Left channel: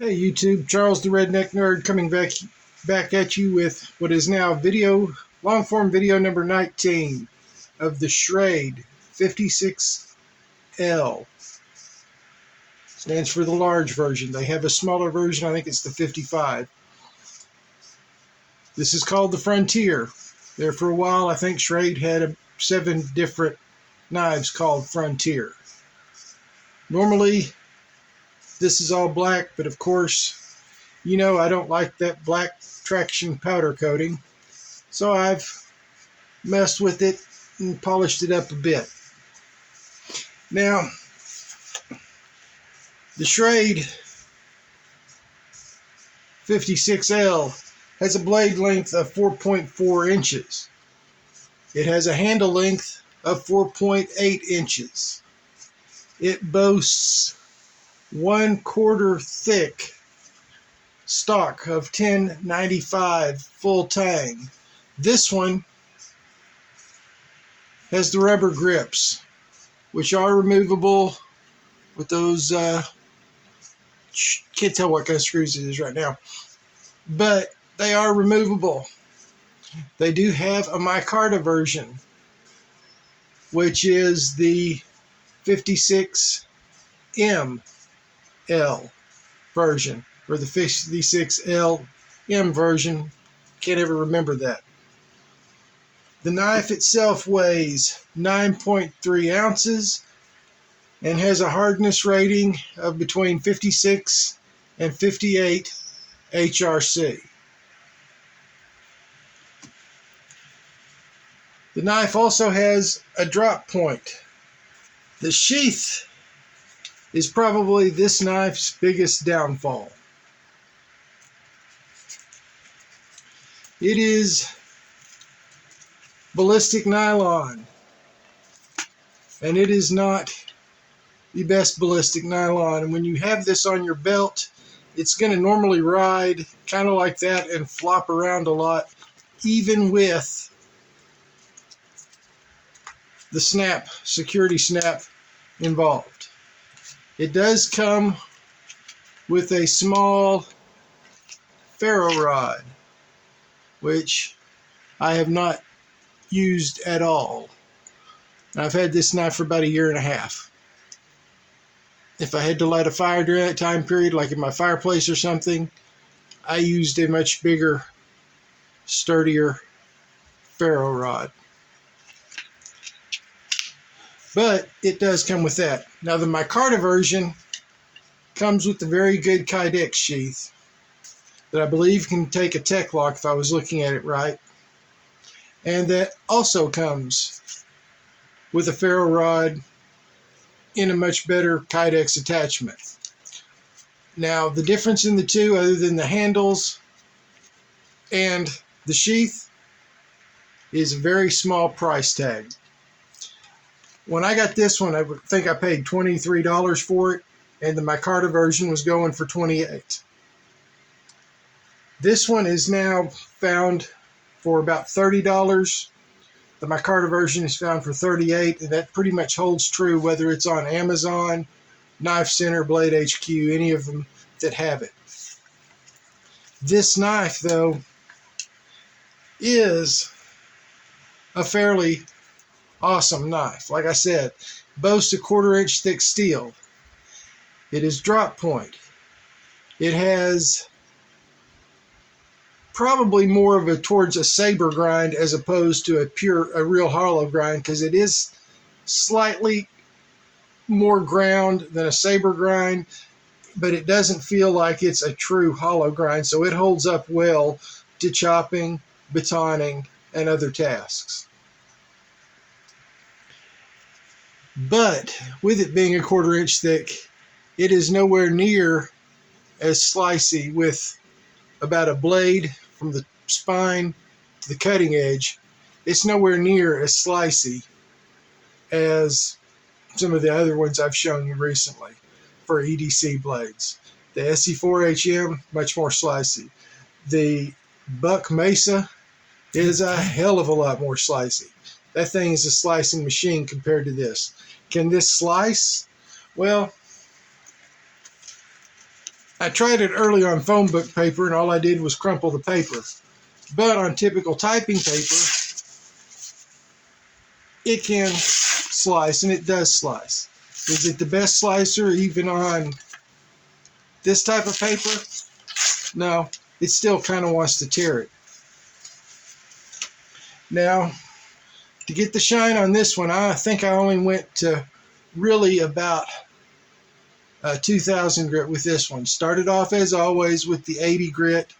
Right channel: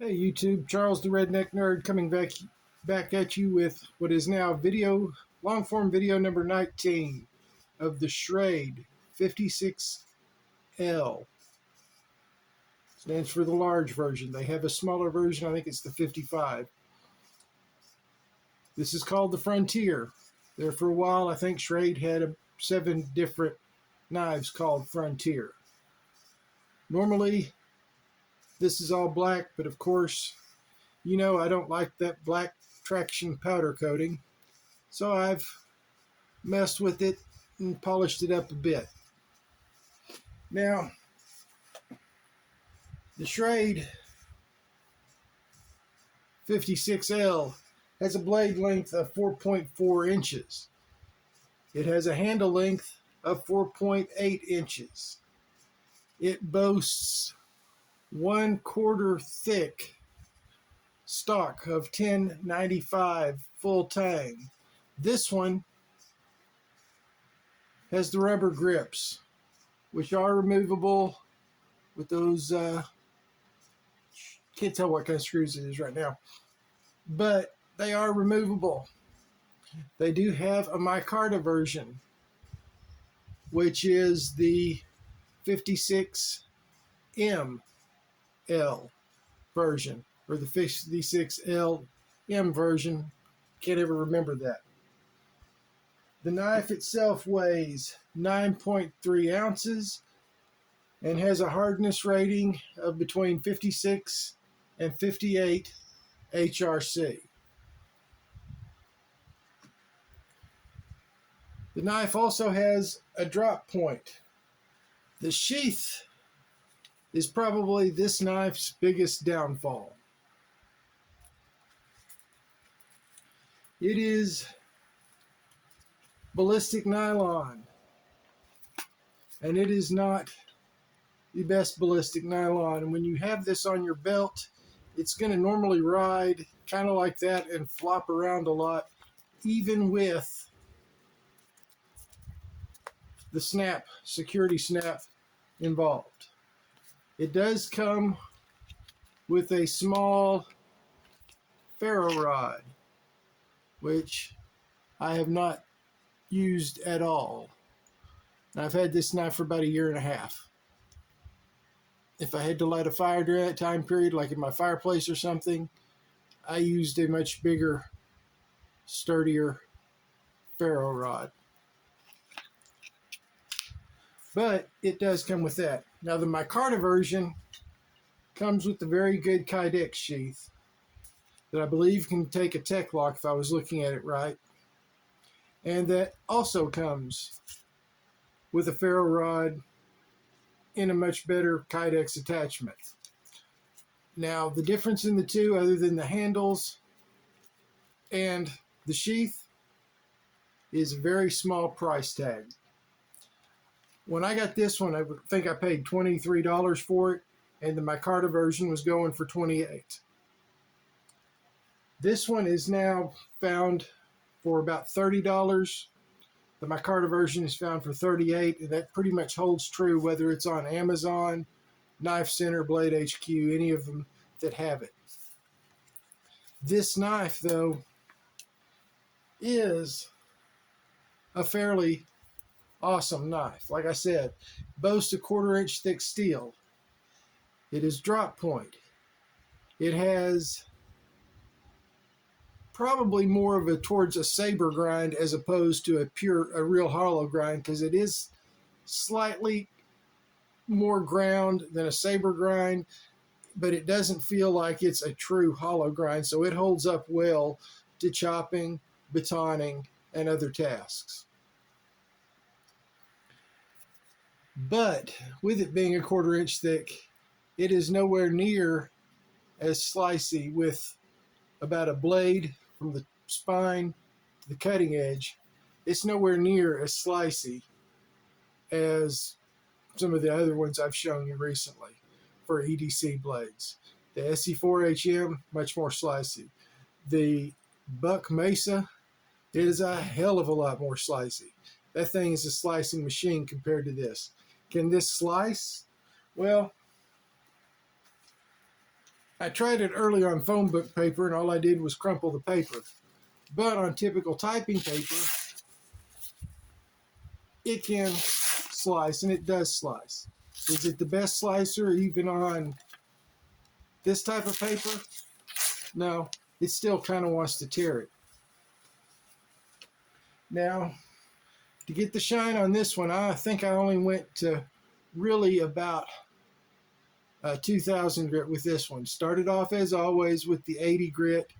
Hey YouTube, Charles the Redneck Nerd coming back at you with what is now long form video number 19 of the Schrade 56L. Stands for the large version. They have a smaller version, I think it's the 55. This is called the Frontier. There for a while, I think Schrade had 7 different knives called Frontier. Normally, this is all black, but of course, you know I don't like that black traction powder coating, so I've messed with it and polished it up a bit. Now, the Schrade 56L has a blade length of 4.4 inches. It has a handle length of 4.8 inches. It boasts 1/4 thick stock of 1095 full tang. This one has the rubber grips, which are removable with those, can't tell what kind of screws it is right now, but they are removable. They do have a micarta version, which is the 56ML version, or the 56LM version. Can't ever remember that. The knife itself weighs 9.3 ounces and has a hardness rating of between 56 and 58 HRC. The knife also has a drop point. The sheath is probably this knife's biggest downfall. It is ballistic nylon, and it is not the best ballistic nylon. And when you have this on your belt, it's going to normally ride kind of like that and flop around a lot, even with the security snap involved. It does come with a small ferro rod, which I have not used at all. I've had this knife for about 1.5 years. If I had to light a fire during that time period, like in my fireplace or something, I used a much bigger, sturdier ferro rod. But it does come with that. Now the micarta version comes with a very good Kydex sheath that I believe can take a tech lock if I was looking at it right. And that also comes with a ferro rod in a much better Kydex attachment. Now the difference in the two, other than the handles and the sheath, is a very small price tag. When I got this one, I think I paid $23 for it, and the micarta version was going for $28. This one is now found for about $30. The micarta version is found for $38, and that pretty much holds true whether it's on Amazon, Knife Center, Blade HQ, any of them that have it. This knife, though, is a fairly awesome knife. Like I said, boasts a 1/4 inch thick steel. It is drop point. It has probably more of a towards a saber grind as opposed to a real hollow grind, because it is slightly more ground than a saber grind, but it doesn't feel like it's a true hollow grind, so it holds up well to chopping, batoning, and other tasks. But with it being a 1/4 inch thick, it is nowhere near as slicey, with about a blade from the spine to the cutting edge. It's nowhere near as slicey as some of the other ones I've shown you recently for EDC blades. The SE4HM, much more slicey. The Buck Mesa is a hell of a lot more slicey. That thing is a slicing machine compared to this. Can this slice? Well, I tried it early on phone book paper, and all I did was crumple the paper. But on typical typing paper, it can slice, and it does slice. Is it the best slicer even on this type of paper? No, it still kind of wants to tear it. Now, to get the shine on this one, I think I only went to really about 2,000 grit with this one. Started off as always with the 80 grit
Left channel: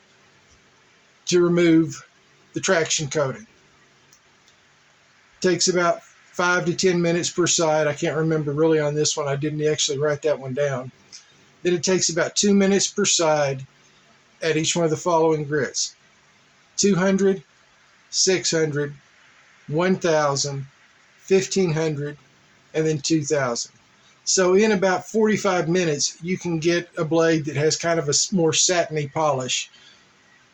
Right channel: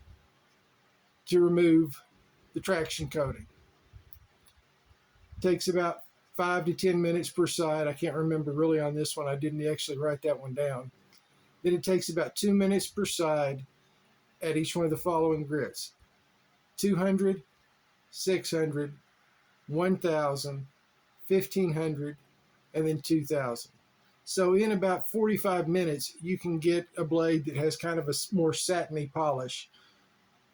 to remove the traction coating. Takes about 5 to 10 minutes per side. I can't remember really on this one. I didn't actually write that one down. Then it takes about 2 minutes per side at each one of the following grits: 200, 600, 1,000, 1,500, and then 2,000. So in about 45 minutes, you can get a blade that has kind of a more satiny polish,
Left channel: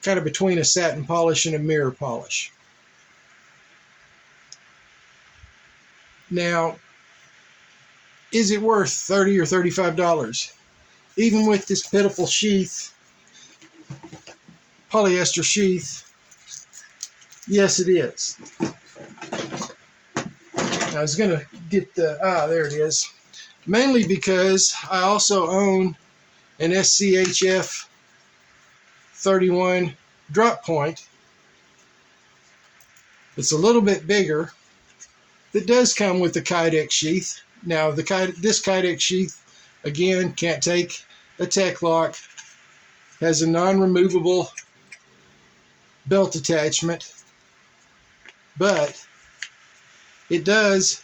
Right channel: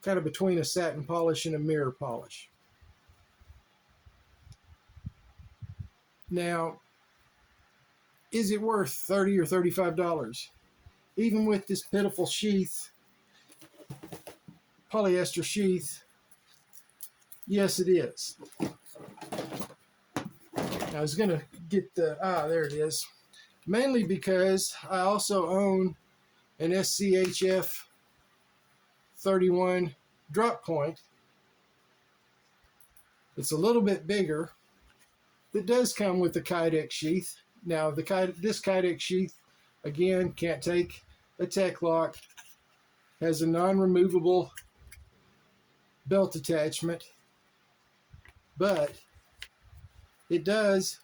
kind of between a satin polish and a mirror polish. Now, is it worth $30 or $35? Even with this pitiful sheath, polyester sheath, yes, it is. I was going to get the, there it is. Mainly because I also own an SCHF 31 drop point. It's a little bit bigger. That does come with the Kydex sheath. Now, this Kydex sheath, again, can't take a tech lock. Has a non-removable belt attachment. But it does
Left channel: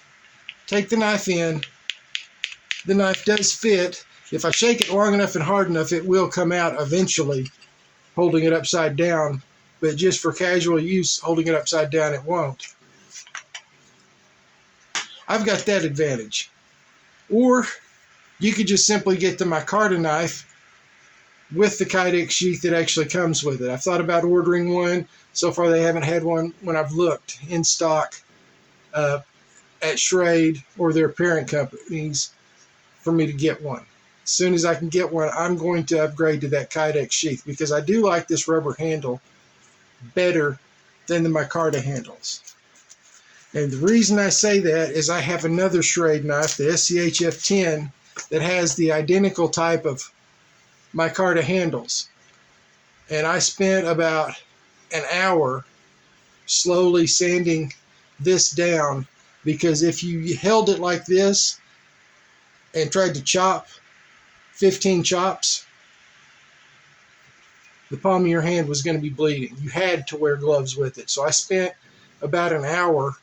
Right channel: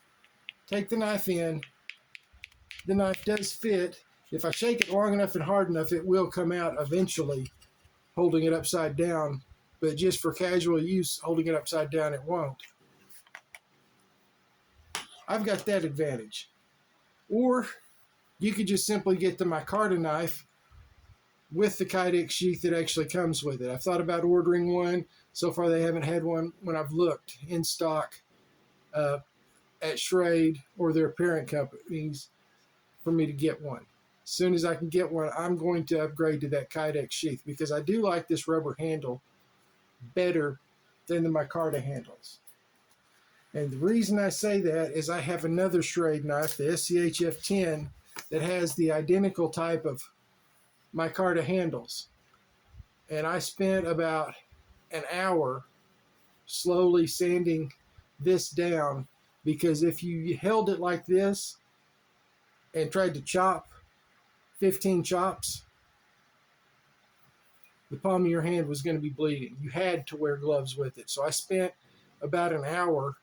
take the knife in. The knife does fit. If I shake it long enough and hard enough, it will come out eventually, holding it upside down. But just for casual use, holding it upside down, it won't. I've got that advantage. Or you could just simply get the micarta knife with the Kydex sheath that actually comes with it. I've thought about ordering one. So far, they haven't had one when I've looked in stock at Schrade or their parent companies for me to get one. As soon as I can get one, I'm going to upgrade to that Kydex sheath because I do like this rubber handle better than the micarta handles. And the reason I say that is I have another Schrade knife, the SCHF 10, that has the identical type of micarta handles. And I spent about an hour slowly sanding this down because if you held it like this and tried to chop 15 chops, the palm of your hand was going to be bleeding. You had to wear gloves with it. So I spent about an hour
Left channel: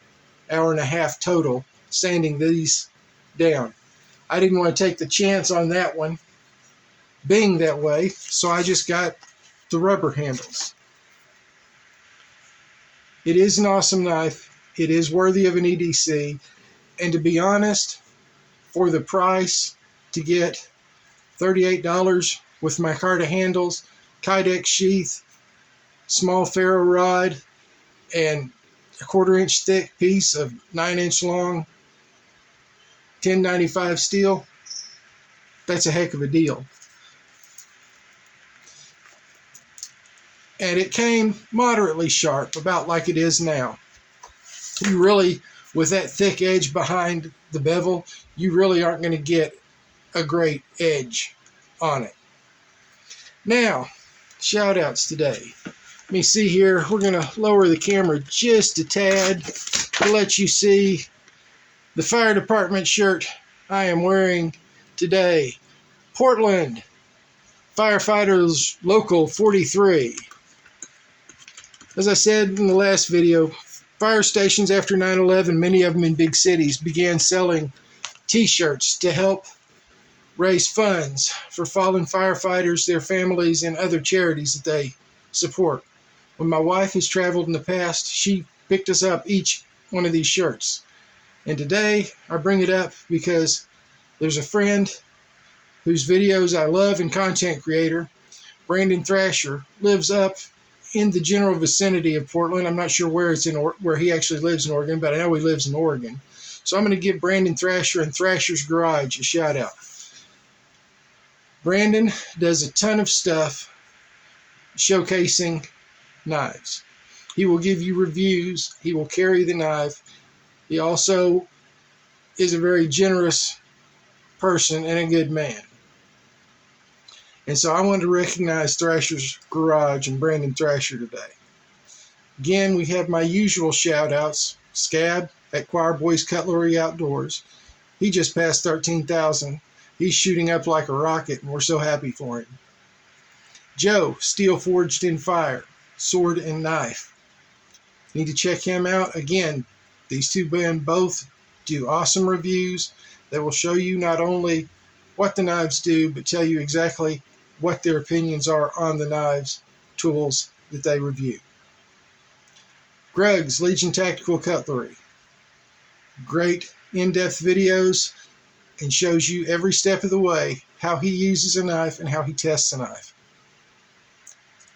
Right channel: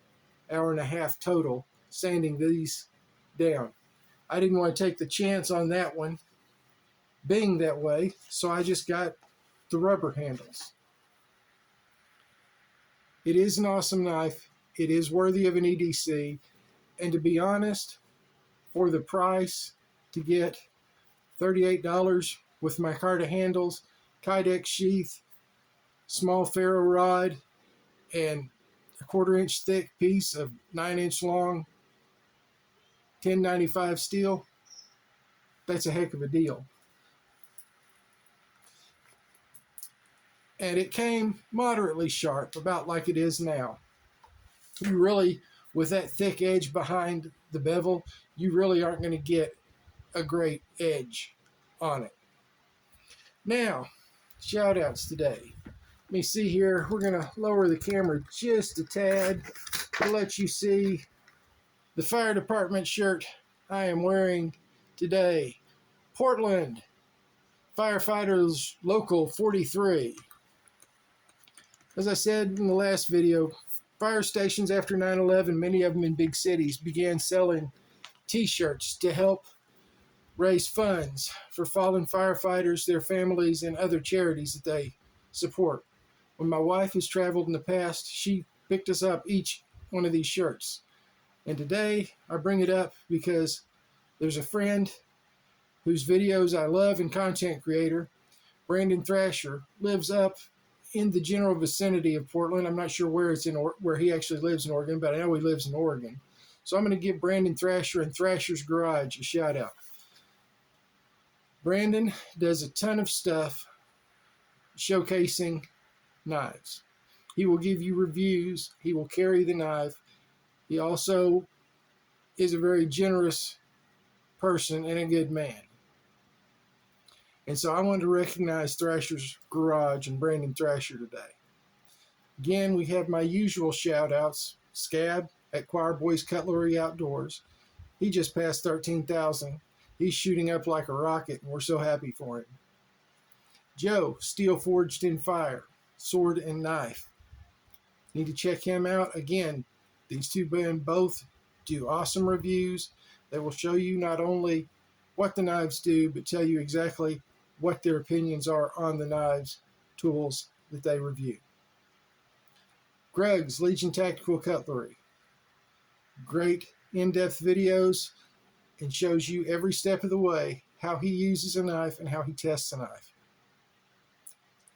and a half total sanding these down. I didn't want to take the chance on that one being that way, so I just got the rubber handles. It is an awesome knife. It is worthy of an EDC. And to be honest, for the price, to get $38 with micarta handles, Kydex sheath, small ferro rod, and a 1/4 inch thick piece of 9 inch long 1095 steel, that's a heck of a deal. And it came moderately sharp, about like it is now. You really, with that thick edge behind the bevel, you really aren't going to get a great edge on it. Now, shout outs today. Let me see here. We're going to lower the camera just a tad to let you see the fire department shirt I am wearing today. Portland Firefighters Local 43. As I said in the last video, fire stations after 9/11, many of them in big cities, began selling t-shirts to help raise funds for fallen firefighters, their families, and other charities that they support. When my wife has traveled in the past, she picked us up each one of these shirts. And today, I bring it up because there's a friend whose videos I love and content creator, Brandon Thrasher, lives up in the general vicinity of Portland. I'm not sure where where he actually lives in Oregon, but I know he lives in Oregon. So I'm going to give Brandon Thrasher and Thrasher's Garage a shout out. Brandon does a ton of stuff showcasing knives. He will give you reviews. He will carry the knife. He also is a very generous person and a good man. And so I wanted to recognize Thrasher's Garage and Brandon Thrasher today. Again, we have my usual shout outs. Scab at Choir Boys Cutlery Outdoors. He just passed 13,000. He's shooting up like a rocket, and we're so happy for him. Joe, Steel Forged in Fire, Sword and Knife. Need to check him out. Again, these two men both do awesome reviews that will show you not only what the knives do, but tell you exactly what their opinions are on the knives, tools that they review. Greg's Legion Tactical Cutlery. Great in-depth videos and shows you every step of the way how he uses a knife and how he tests a knife.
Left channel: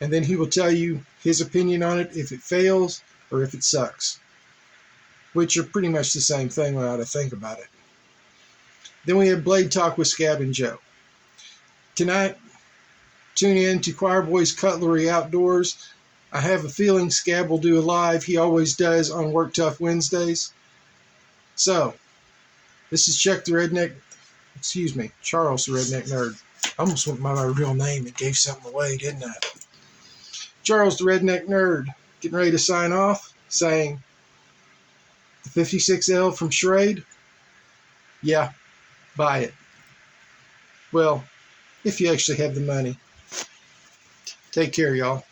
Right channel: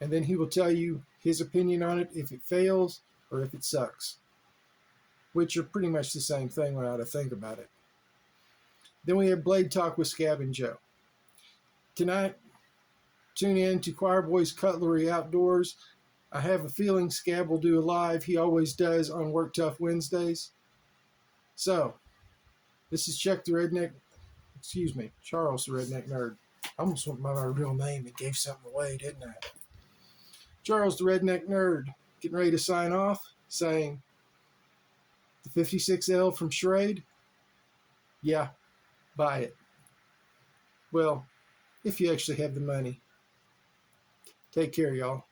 And then he will tell you his opinion on it, if it fails or if it sucks, which are pretty much the same thing when I think about it. Then we have Blade Talk with Scab and Joe. Tonight, tune in to Choir Boys Cutlery Outdoors. I have a feeling Scab will do a live. He always does on Work Tough Wednesdays. So, this is Charles the Redneck Nerd. I almost went by my real name and gave something away, didn't I? Charles the Redneck Nerd, getting ready to sign off, saying, the 56L from Schrade? Yeah, buy it. Well, if you actually have the money. Take care, y'all.